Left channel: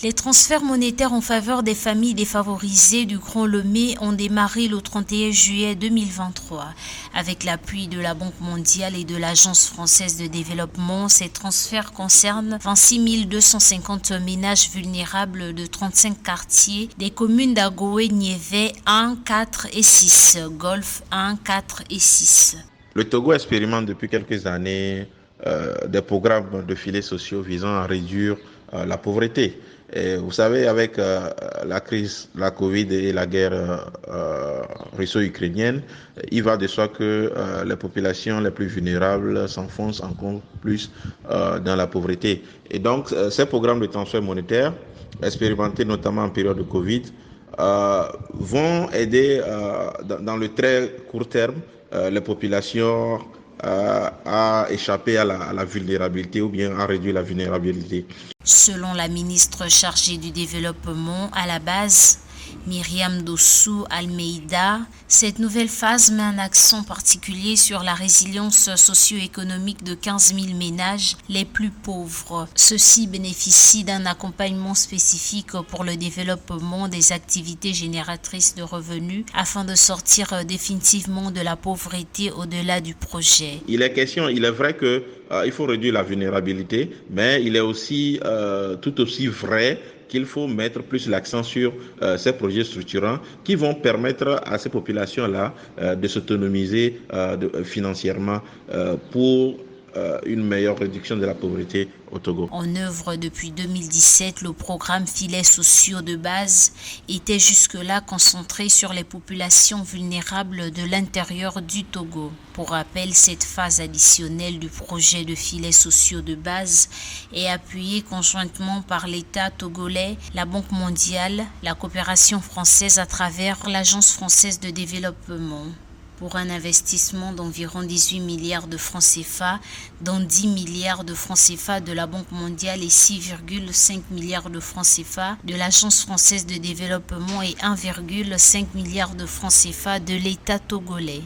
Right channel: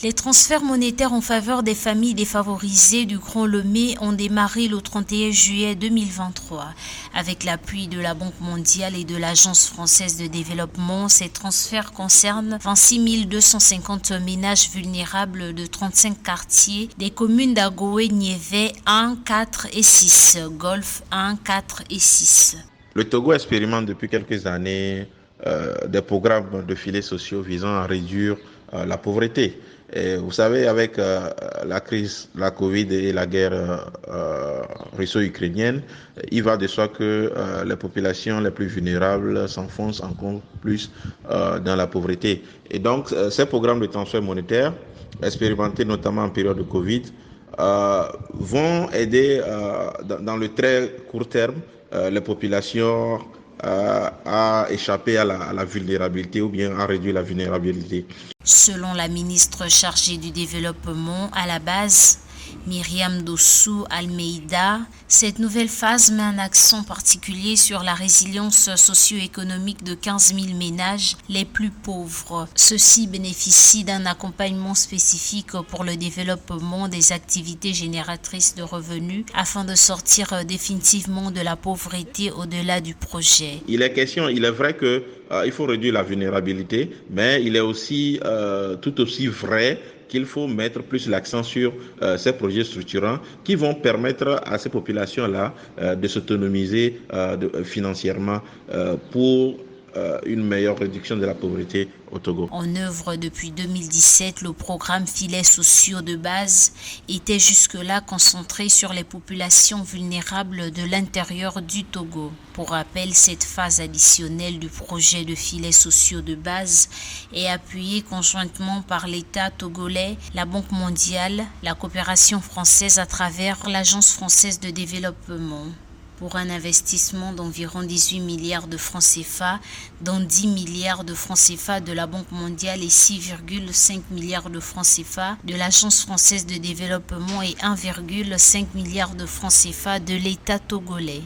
Les transferts monétaires en faveur des familles défavorisées du Grand Lomé ont démarré le 31 juillet 2023. Avec l'appui de la Banque mondiale et de l'Agence française de développement, ces transferts concernent 26 250 ménages vulnérables de 35 quartiers des communes d'Agoé, Niévé 1, 4 et 6, Golfe 1, 4 et 6. Le Togo expérimente depuis quelques années des programmes de filets sociaux visant à réduire la pauvreté. Et vous savez, avec la crise, la Covid et la guerre russo-ukrainienne, il va de soi que les populations les plus vulnérables s'enfoncent encore plus dans la pauvreté. Et donc, ces programmes de transfert monétaire, expérimentés notamment en période de Covid, vont aider dans le très court terme les populations à échapper à la vulnérabilité ou bien à réduire la vulnérabilité. Selon la ministre chargée du développement à la base, Myriam Dossou Almeida, cette nouvelle phase met un accent particulier sur la résilience socio-économique de 15 000 ménages les plus pauvres. Ceux-ci bénéficient d'un accompagnement spécifique pour le développement des activités génératrices de revenus afin de sortir définitivement de la pauvreté au-delà du projet. Il est vrai que il faut réduire la vulnérabilité, mais il est aussi tout aussi vrai qu'il faut mettre plus l'accent sur ces projets structurants qui vont permettre à ces populations-là de s'autonomiser financièrement pour une meilleure réduction de la pauvreté au Togo. En œuvre depuis 2017, le programme Filets sociaux de base était jusque-là concentré sur les populations vulnérables de l'intérieur du Togo. Pour rappel, cette phase additionnelle du projet de filets sociaux de base est appuyée conjointement par l'État togolais, la Banque mondiale, la coopération française à travers l'Agence française de développement, pour un investissement d'environ 18 milliards de francs CFA, dont 10 milliards de francs CFA de la Banque mondiale et 6,5 milliards de francs CFA de l'Agence française de développement et 1,5 milliard de francs CFA de l'État togolais.